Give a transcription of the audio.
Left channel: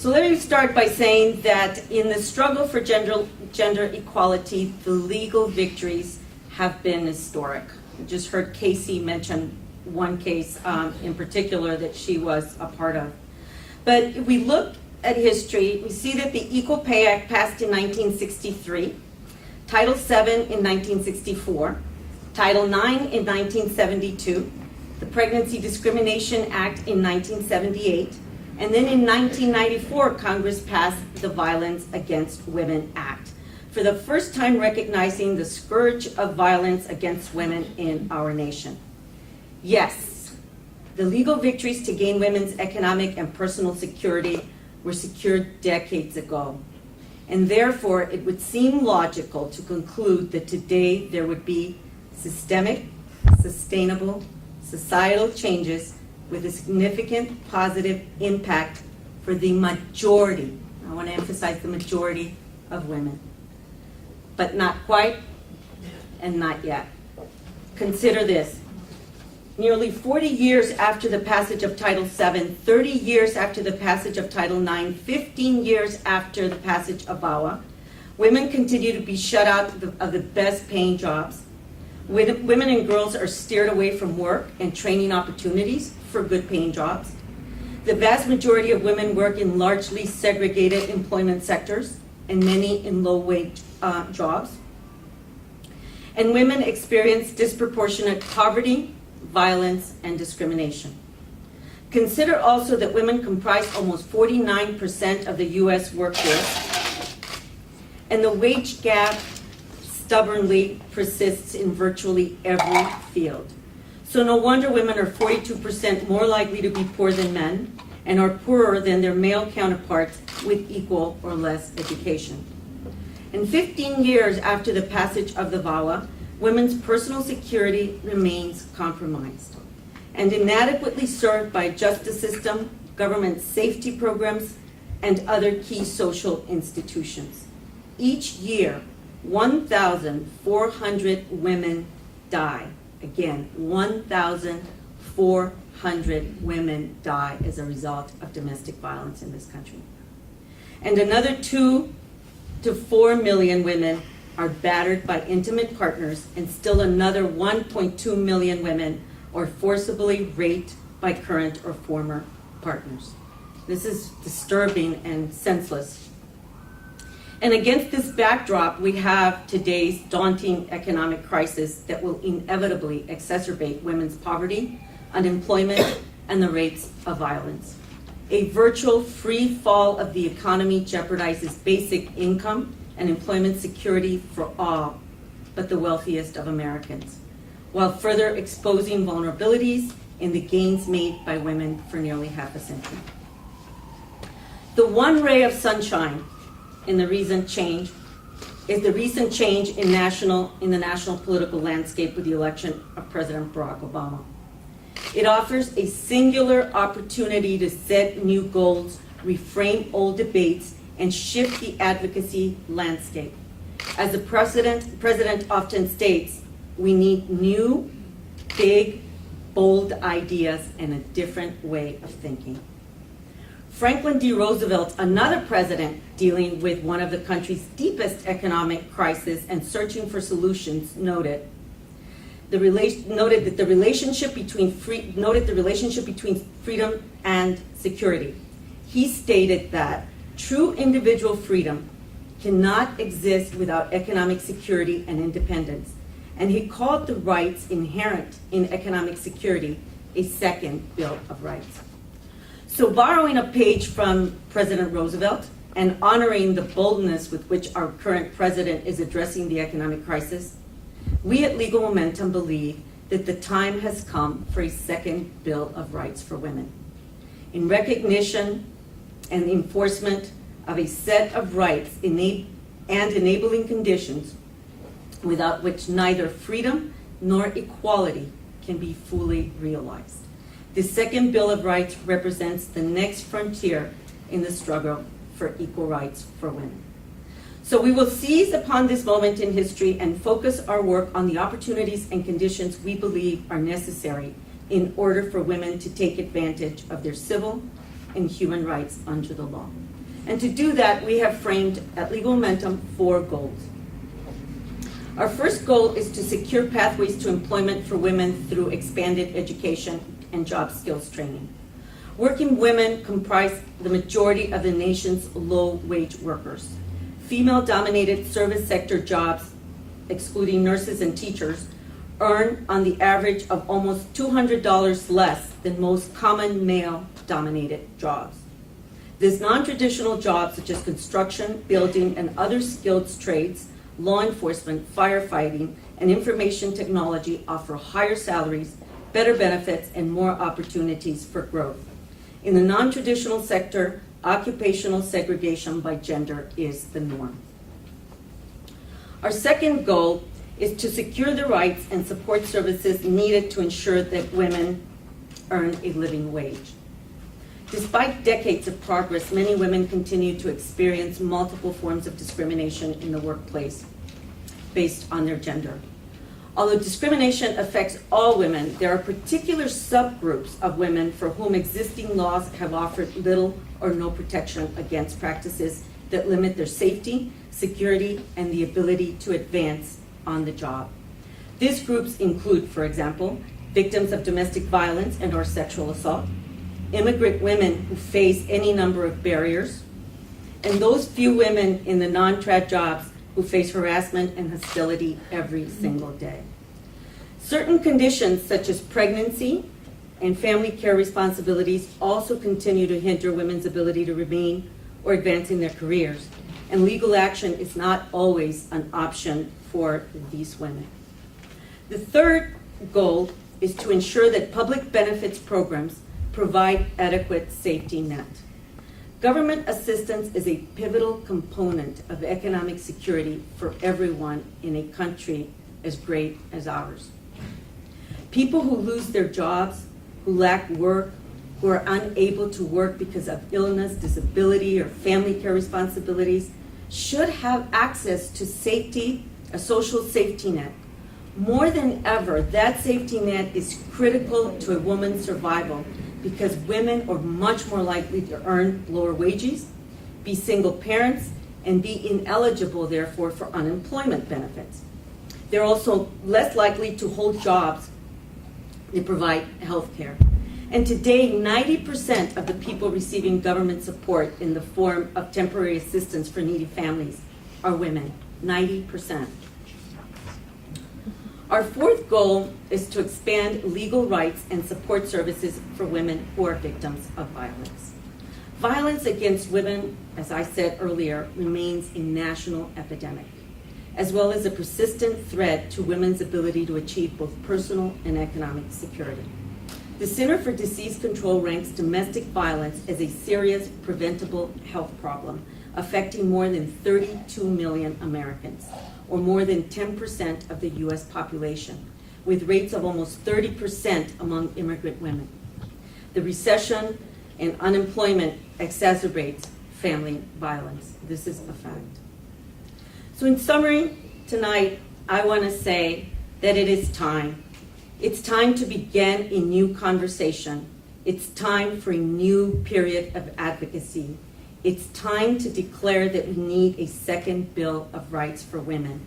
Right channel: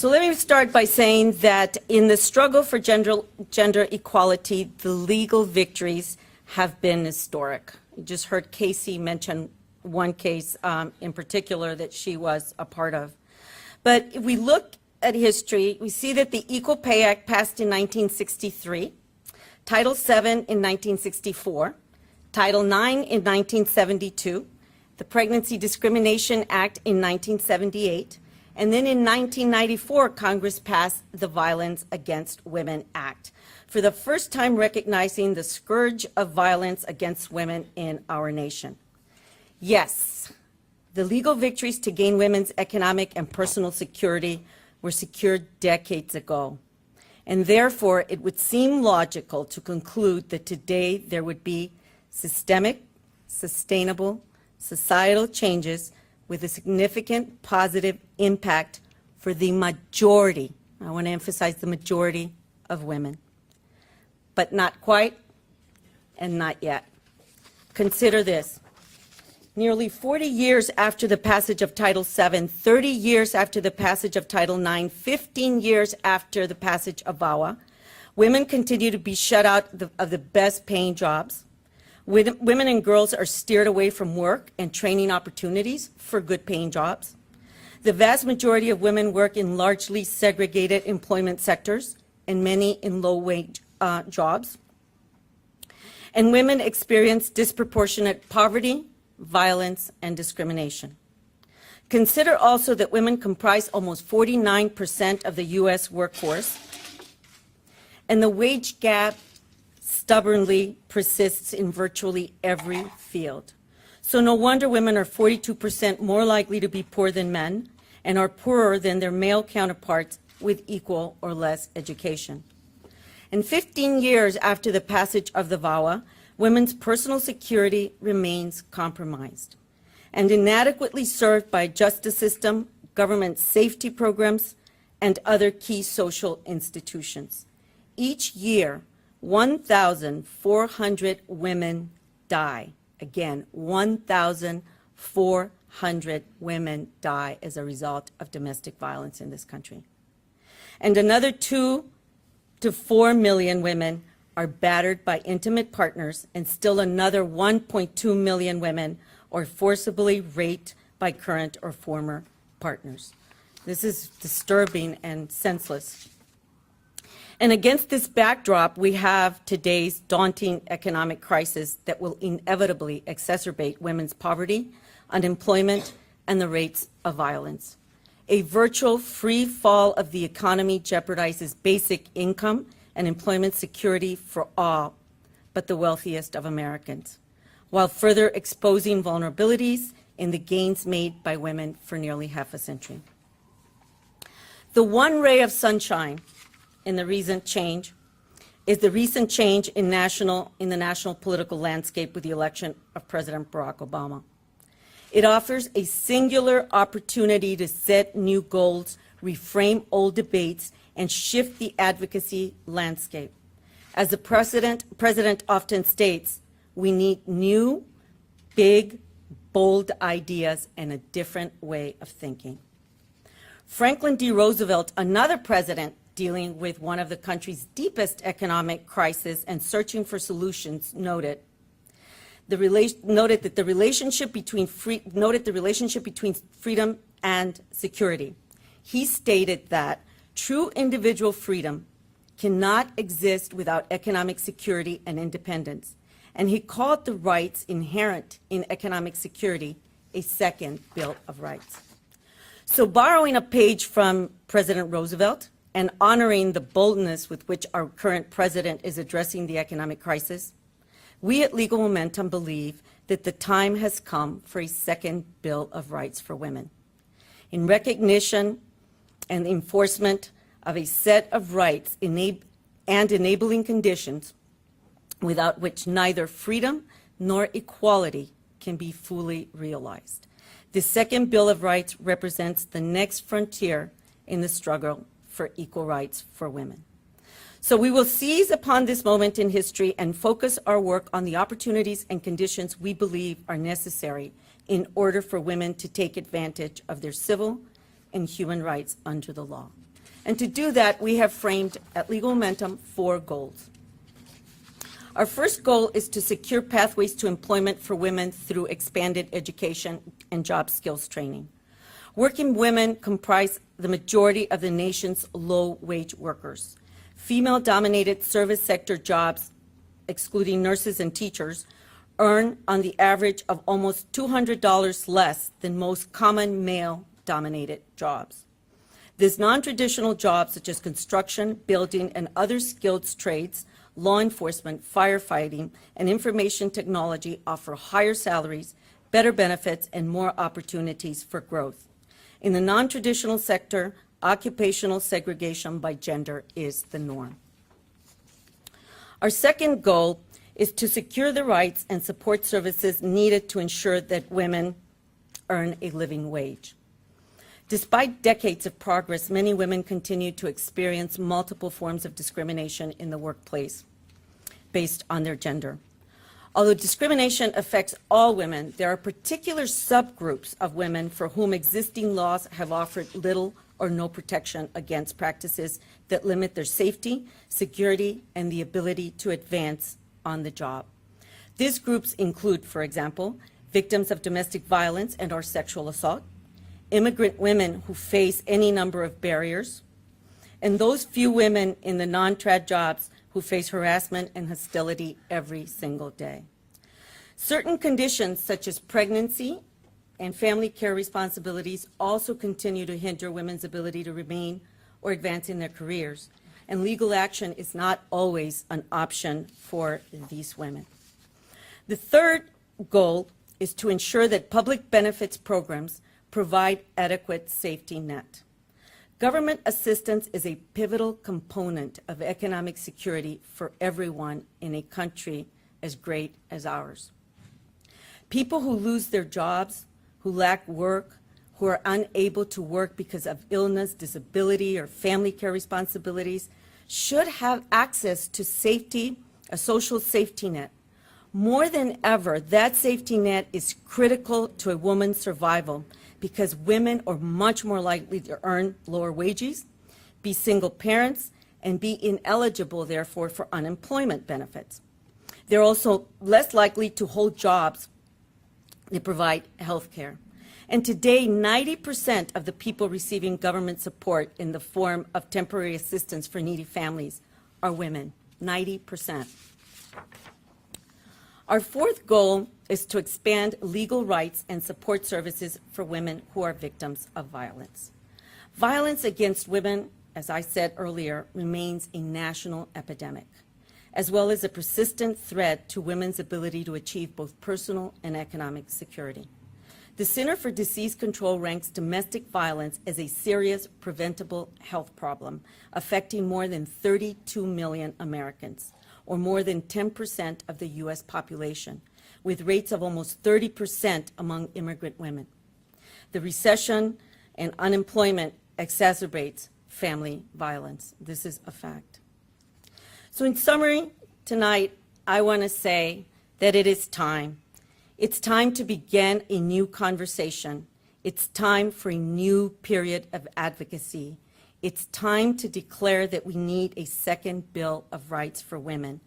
So let me start by saying that in the struggle for gender equality, the legal victories have been historic. You just heard Casey mention one case in particular that she was a part of. But if we look at history, we see that the Equal Pay Act passed in 1963, Title VII in 1964, Title IX in 1972, the Pregnancy Discrimination Act in 1978, and then in 1994, Congress passed the Violence Against Women Act, for the first time recognizing the scourge of violence against women in our nation. Yes, the legal victories to gain women's economic and personal security were secured decades ago. And therefore, it would seem logical to conclude that today there would be systemic, sustainable, societal changes with a significant positive impact for the majority, I want to emphasize the majority of women. But not quite and not yet. Consider this. Nearly 40 years after the passage of Title VII, 30 years after the passage of Title IX, 15 years after the passage of VAWA, women continue to be shut out of the best paying jobs. Women and girls are steered away from work and training opportunities for good paying jobs. The vast majority of women work in largely segregated employment sectors and many in low wage jobs. And women experience disproportionate poverty, violence, and discrimination. Consider also that women comprise almost 49% of the U.S. workforce, and the wage gap stubbornly persists in virtually every field. So no wonder women are 42% more likely to be poor than men and are poorer than their male counterparts with equal or less education. And 15 years after the passage of the VAWA, women's personal security remains compromised and inadequately served by a justice system, government safety programs, and other key social institutions. Each year, 1,400 women die. Again, 1,400 women die as a result of domestic violence in this country. And another 2 to 4 million women are battered by intimate partners, and still another 1.2 million women are forcibly raped by current or former partners. This is disturbing and senseless. And against this backdrop, we have today's daunting economic crisis that will inevitably exacerbate women's poverty, unemployment, and the rates of violence. A virtual free fall of the economy jeopardizes basic income and employment security for all but the wealthiest of Americans, while further exposing vulnerabilities in the gains made by women for nearly half a century. The one ray of sunshine in the recent change is the recent change in the national political landscape with the election of President Barack Obama. It offers a singular opportunity to set new goals, reframe old debates, and shift the advocacy landscape. As the president often states, we need new, big, bold ideas and a different way of thinking. Franklin D. Roosevelt, another president dealing with one of the country's deepest economic crises and searching for solutions, noted the relationship between freedom and security. He stated that true individual freedom cannot exist without economic security and independence, and he called the rights inherent in economic security a second Bill of Rights. So borrowing a page from President Roosevelt and honoring the boldness with which our current president is addressing the economic crisis, we at Legal Momentum believe that the time has come for a second Bill of Rights for women. In recognition and enforcement of a set of rights and enabling conditions without which neither freedom nor equality can be fully realized. The second Bill of Rights represents the next frontier in the struggle for equal rights for women. So we will seize upon this moment in history and focus our work on the opportunities and conditions we believe are necessary in order for women to take advantage of their civil and human rights under the law. And to do that, we have framed at Legal Momentum 4 goals. Our first goal is to secure pathways to employment for women through expanded education and job skills training. Working women comprise the majority of the nation's low-wage workers. Female-dominated service sector jobs, excluding nurses and teachers, earn on the average of almost $200 less than most common male-dominated jobs. These non-traditional jobs, such as construction, building, and other skilled trades, law enforcement, firefighting, and information technology offer higher salaries, better benefits, and more opportunities for growth. In the non-traditional sector, occupational segregation by gender is the norm. Our second goal is to secure the rights and support services needed to ensure that women earn a living wage. Despite decades of progress, many women continue to experience multiple forms of discrimination in the workplace based on their gender. Although discrimination affects all women, there are particular subgroups of women for whom existing laws have offered little or no protection against practices that limit their safety, security, and the ability to advance on the job. These groups include, for example, victims of domestic violence and or sexual assault, immigrant women who face any number of barriers, and those few women in the non-trad jobs who face harassment and hostility every single day. Certain conditions such as pregnancy and family care responsibilities also continue to hinder women's ability to remain or advance in their careers, and legal action is not always an option for these women. The third goal is to ensure that public benefits programs provide adequate safety net. Government assistance is a pivotal component of economic security for everyone in a country as great as ours. People who lose their jobs, who lack work, who are unable to work because of illness, disability, or family care responsibilities should have access to safety, a social safety net. More than ever, that safety net is critical to a woman's survival because women are much more likely to earn lower wages, be single parents, and be ineligible, therefore, for unemployment benefits. They're also less likely to hold jobs that provide health care. And today, 90% of the people receiving government support in the form of temporary assistance for needy families are women, 90%. Our fourth goal is to expand legal rights and support services for women who are victims of violence. Violence against women, as I said earlier, remains a national epidemic, as well as a persistent threat to women's ability to achieve both personal and economic security. The Center for Disease Control ranks domestic violence as a serious preventable health problem affecting more than 32 million Americans, or more than 10% of the U.S. population, with rates of almost 30% among immigrant women. The recession and unemployment exacerbates family violence. This is a fact. So in summary, tonight, I want to say that it is time. It's time to begin a new conversation. It's time for a new period of advocacy. It's time to declare that we need a second Bill of Rights for women.